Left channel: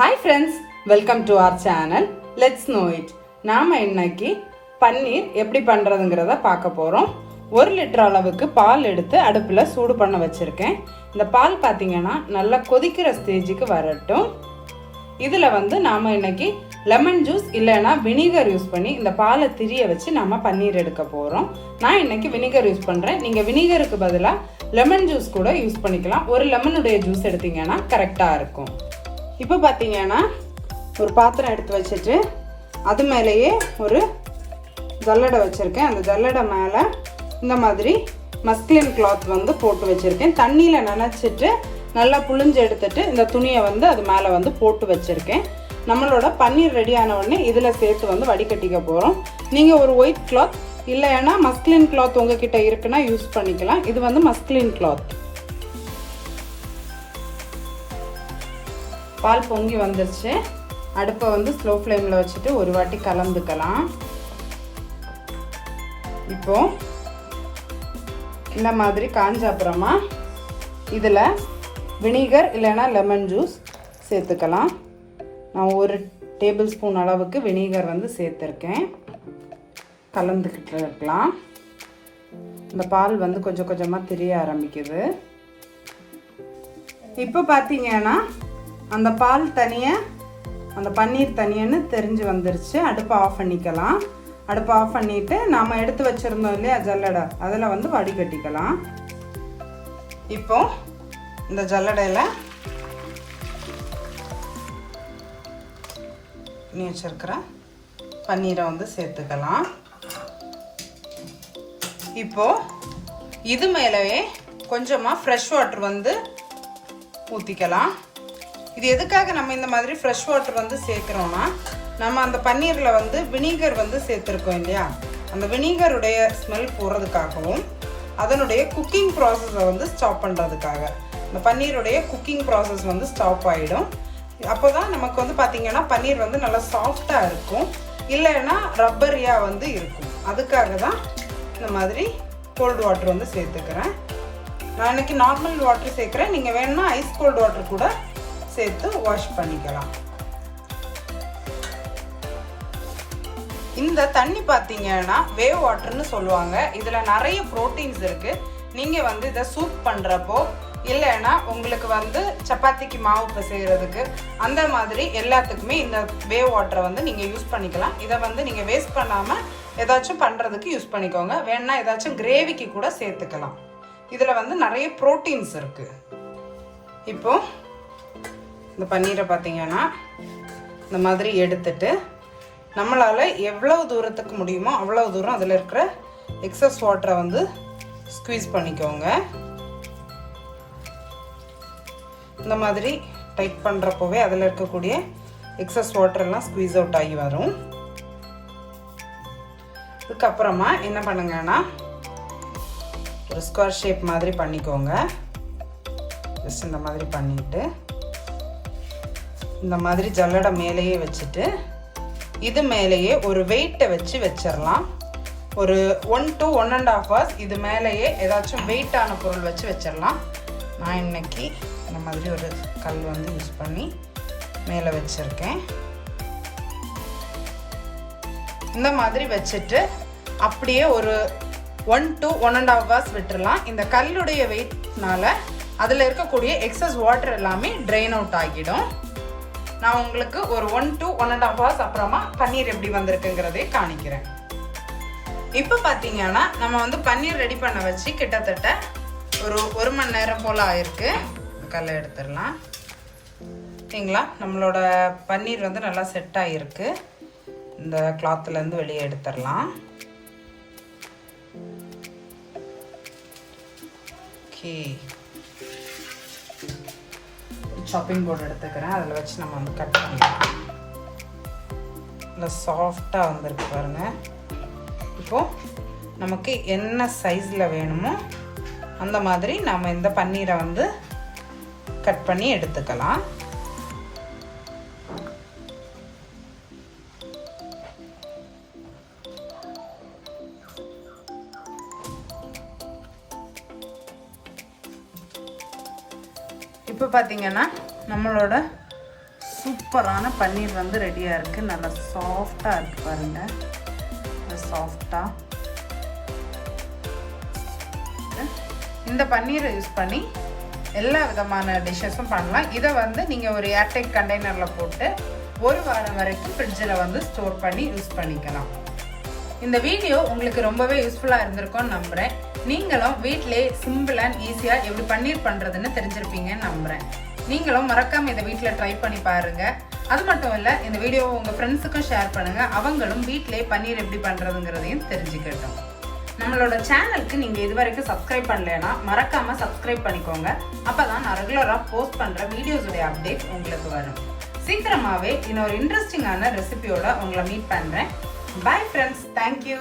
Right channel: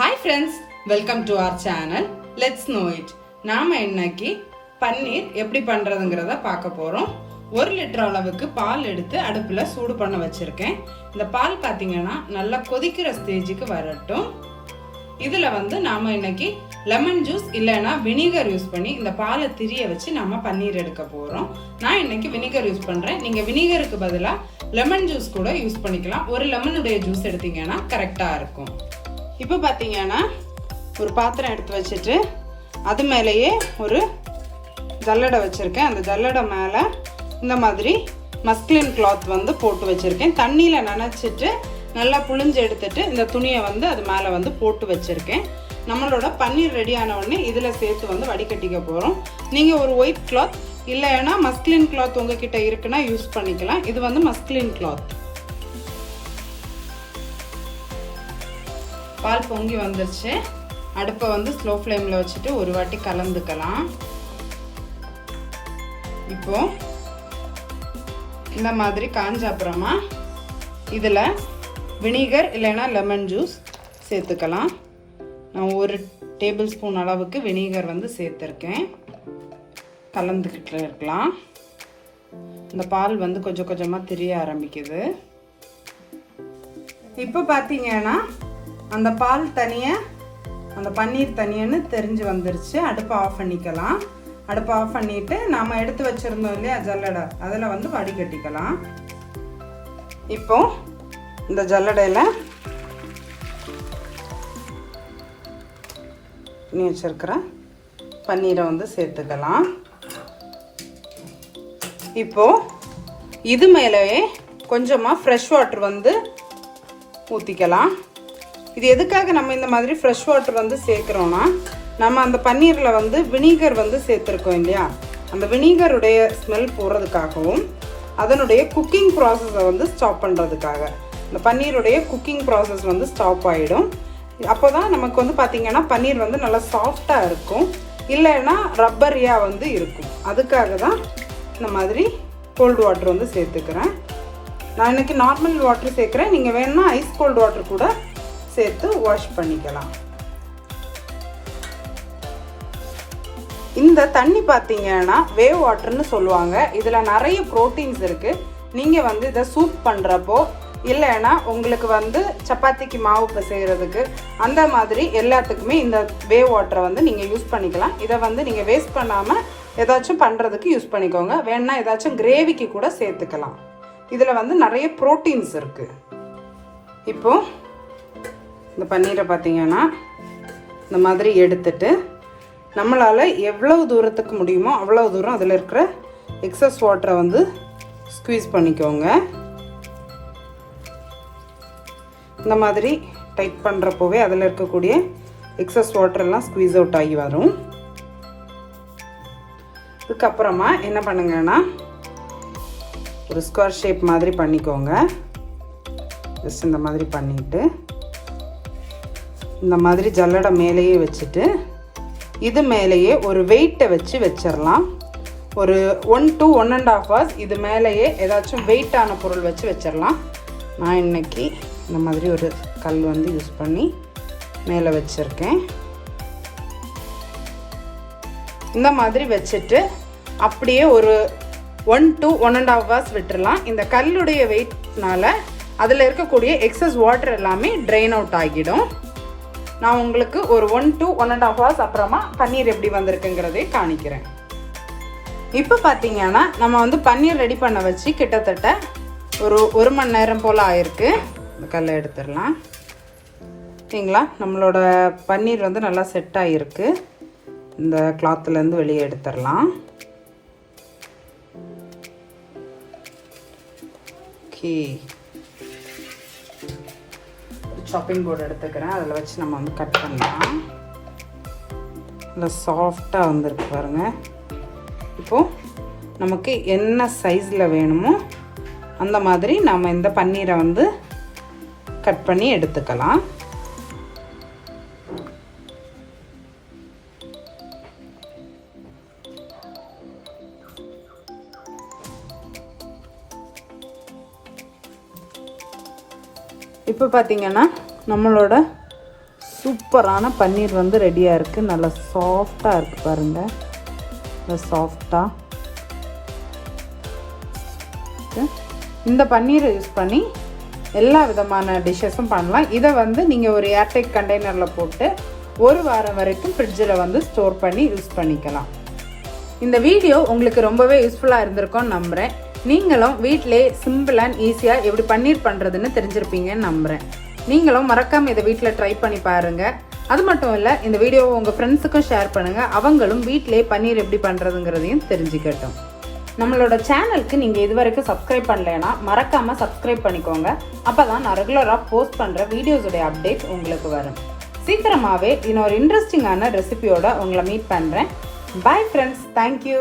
Hi friends, welcome to our channel. Let's know it. நாம இன்னைக்கு பன்னீர் எப்படி பண்றதுங்கறத பார்க்க போறோம். 1 லிட்டர் அளவுக்கு பால் எடுத்து அடுப்புல சூடு பண்ண வச்சிருக்கேன். இந்த பால் பாத்தீங்கன்னா நல்லா கொதிக்கிற ஸ்டேஜுக்கு வரட்டும். இதுல நாம இன்னைக்கு லெமன் ஜூஸ் இல்லனா வினிகர் யூஸ் பண்ணி இந்த பாலை திரிய வச்சு நாம பன்னீர் எடுக்க போறோம். நான் இன்னைக்கு வினிகர் யூஸ் பண்றேன். நீங்க வினிகருக்கு பதிலா லெமன் ஜூஸ் கூட யூஸ் பண்ணிக்கலாம். ஒரு லெமனுடைய ஜூஸ் எடுத்தீங்கன்னா கரெக்டா இருக்கும். இப்போ பாத்தீங்கன்னா ஒரு பாத்திரம் எடுத்து வச்சிட்டு அது மேலேயே ஒரு ஜல்லடை வச்சிருக்கேன். அந்த ஜல்லடை மேலே இந்த மாதிரி மஸ்லின் கிளாத் போட்டு வச்சிருக்கேன். தண்ணியில் நனைச்சிட்டு நல்லா புழிஞ்சு எடுத்துட்டு இந்த துணியை அது மேலே போட்டு வச்சிருக்கேன். நம்மளோட பன்னீர் ரெடி ஆன உடனே இதில் சேர்த்து வடிகட்டிக்க போகிறோம். நீங்கள் ஒரு ஒயிட் கிளாத் இல்லைன்னா மஸ்லின் கிளாத் உங்ககிட்ட இருக்குன்னா யூஸ் பண்ணிக்கலாம். இது மஸ்லின் கிளாத். பால் பொங்கி வந்துருச்சு. அடுப்பை ஸ்லோ ஃப்ளேமில் வச்சுட்டு ஒரு வாட்டி கலந்துக்கலாம். இப்போ இந்த மாதிரி காஞ்ச அப்புறமா இதில் வினிகர் இல்லைன்னா லெமன் ஜூஸ் சேர்த்துக்கலாம். நான் 1 டேபிள் ஸ்பூன் அளவுக்கு வினிகர் சேர்த்துருக்கேன். கலந்துக்கிட்டு இருக்கலாம். இந்த பால் கொஞ்சம் கொஞ்சமாக திரிய ஆரம்பிக்குது. இப்போ பார்த்தீங்கன்னா அந்த பால் தனியாக அந்த பன்னீர் தனியான்னு தெரிஞ்சு வந்துருச்சு. அடுப்பை ஆஃப் பண்ணிக்கலாம். அடுப்பை ஆஃப் பண்ணிவிட்டு நாம் எடுத்து வச்சுருந்தோம் இல்லையா ஜல்லடை, அதில் வடிகட்டிக்கலாம். இப்போ இந்த ஜல்லடையில் நீ வச்சிருக்கிற பன்னீரை சேர்த்துக்கலாம். இப்போ இது மேலேயே கொஞ்சமாக ஃப்ரெஷ் வாட்டர் ஊற்றிக்கலாம். இது எதுக்காக நம்ம இந்த மாதிரி ஃப்ரெஷ் வாட்டர் சேர்க்குறோம்னா, நம்ம அந்த பன்னீரில் வினிகர் சேர்த்துருக்கோம் இல்லையா, அந்த வினிகருடைய ஸ்மெல் போகிறதுக்காகவும் அதனுடைய குக்கிங் ப்ராசஸை ஸ்டாப் பண்ணுறதுக்காக. இந்த பன்னீருடைய குக்கிங் ப்ராசஸ் ஸ்டாப் ஆகிடும். அப்போ தான் நமக்கு பார்த்தீங்கன்னா பன்னீர் நல்லா சாஃப்டாக இருக்கும், இல்லைன்னா ரப்பரியாக இருக்கும். அதுக்காக தான் இந்த மாதிரி கோல்டு வாட்டர் சேர்த்துக்கிறேன். நான் இன்னைக்கு நார்மல் வாட்டர் சேர்க்குறேன். நீங்கள் வேணும்னா ஐஸ் கோல்டு வாட்டர் கூட சேர்த்து வாஷ் பண்ணிக்கலாம். இந்த தண்ணி பார்த்தீங்கன்னா வேவ் வாட்டர்னு சொல்லுவாங்க. இதில் நிறைய ப்ரோட்டீன்ஸ் இருக்கு. நீங்கள் இதை சூப் பண்ணுறப்போ இல்லைன்னா உங்களுக்கு சப்பாத்திக்கு மாவு பிசைகிறதுக்கு அந்த மாதிரி எல்லாத்துக்குமே இந்த வேவ் வாட்டரை நீங்கள் யூஸ் பண்ணிக்கலாம். இதை நீங்கள் வேஸ்ட் பண்ணாமல் ஏதாச்சும் பண்ணுறதுக்கு யூஸ் பண்ணிக்கோங்க. வேணா ஏதாச்சும் கிரேவிக்கு கூட சேர்த்துக்கலாம். இதில் நிறைய ப்ரோட்டீன்ஸ் இருக்கு. இப்போ இந்த பன்னீரை பார்த்தீங்கன்னா இந்த மாதிரி எடுத்துட்டு நம்மளால எவ்வளவு தூரத்துக்கு முடியுமோ அவ்வளோ தூரம் அதில் இருக்கிற எக்ஸஸ் வாட்டரை ஸ்குவீஸ் பண்ணிக்கோங்க. இந்த மாதிரி டைட் பண்ணுறப்போவே அதில் இருக்கக்கூடிய எக்ஸஸ் வாட்டர் எல்லாம் ஸ்குவீஸ் அவுட் ஆகி வரும். இதுக்கப்புறமா என்ன பண்ணுங்கன்னா ஒரு ஸ்கொயர் ஷேப் மாதிரி பண்ணிக்கோங்க. ஜஸ்ட் இந்த மாதிரி பண்ணிட்டு இந்த மாதிரி ஜல்லடை மேலேயே வச்சுட்டு இது மேலேயே ஒரு வெயிட்டை வச்சிடலாம். ஒரு 1 to 1.5 hours இது மேலேயே ஏதாச்சும் வெயிட்டான பொருள் வச்சிடலாம். நான் இன்னைக்கு இந்த மாதிரி ஒரு கல் யூஸ் பண்ணி மேலே வச்சிருக்கேன். இந்த மாதிரி வச்சுட்டு அப்படியே ஒரு 1 to 1.5 hours விட்டுறலாம். இந்த கல்லுடைய வெயிட்னால அதில் இருக்கக்கூடிய எக்ஸஸ் வாட்டர் எல்லாமே ட்ரெயின் அவுட் ஆகிடும். நான் உங்களுக்கு ஒரு 1 to 1.5 hours அப்புறமா பன்னீர் எப்படி வந்திருக்குங்கிறதே காணிக்கிறேன். இப்போ பார்த்தீங்கன்னா நம்ம பன்னீர் ரெடி பண்ண வச்சு கிட்டத்தட்ட ஒரு 1 மணி நேரம் போல் ஆயிருக்கு. கல்லை எடுத்துடலாம். சரிங்களா, நம்மளோட பன்னீர் நல்லா செட் ஆகிருக்கு. இந்த கிளாத்துலேருந்து வெளியே எடுத்துடலாம். ஓகே, சாப்பிங் போர்டு எடுத்துக்கிறேன். அதில் வச்சு நம்ம கட் பண்ணிக்கலாம். நல்லா சாஃப்டாக வந்துருக்கு பாருங்க. இப்போது நமக்கு என்ன சைஸில் வேணுமோ அந்த மாதிரி நம்ம இந்த பன்னீரை கட் பண்ணி எடுத்துக்கலாம். இப்போ பார்த்தீங்கன்னா நம்மளோட சூப்பரான பன்னீர் வந்து ரெடியாக இருக்குது. நல்லா சாஃப்டாக இருக்குது பாருங்கள். நல்லா சாஃப்டாக இந்த பன்னீரை யூஸ் பண்ணி எல்லா விதமான டிஷ்ஷஸும் பண்ணலாம். இதை வந்து நீங்கள் ஒரு ஏர்டைட் கண்டெய்னரில் போட்டு ஒரு வாரம் வரைக்கும் ஃப்ரிட்ஜில் வந்து ஸ்டோர் பண்ணி யூஸ் பண்ணிக்கலாம். இந்த வீடியோ உங்களுக்கு ரொம்பவே யூஸ்ஃபுல்லாக இருந்திருக்கும்னு நம்புகிறேன். நீங்களும் வீட்டிலே சிம்பிள் அண்ட் ஈஸியாக எப்படி பன்னீர் பண்ணுறதுன்னு தெரிஞ்சிருப்பீங்கன்னு நம்புகிறேன். நீங்களும் மறக்காமல் இதை வீட்டில் ட்ரை பண்ணி பாருங்கள். அது மட்டும் இல்லை, இந்த வீடியோவை உங்கள் ஃப்ரெண்ட்ஸுக்கும் ஷேர் பண்ணுங்கள். அவங்களும் வீட்டிலே பன்னீர் எப்படி பண்ணுறதுங்கிறதையும் தெரிஞ்சுக்கட்டும். நம்மளோட சேனலுக்கு நீங்கள் இது வரைக்கும் சப்ஸ்கிரைப் பண்ணலைன்னா மறக்காமல் சப்ஸ்கிரைப் பண்ணிக்கோங்க. அப்போ தான் நான் ரெகுலராக போஸ்ட் பண்ணுற வீடியோஸுடைய அப்டேட் உங்களுக்கு வரும். சீக்கிரமாகவே இன்னொரு இன்ட்ரெஸ்டிங்கான ரெசிபியோட உங்களை மீட் பண்ணுறேன். Bye friends, thank you.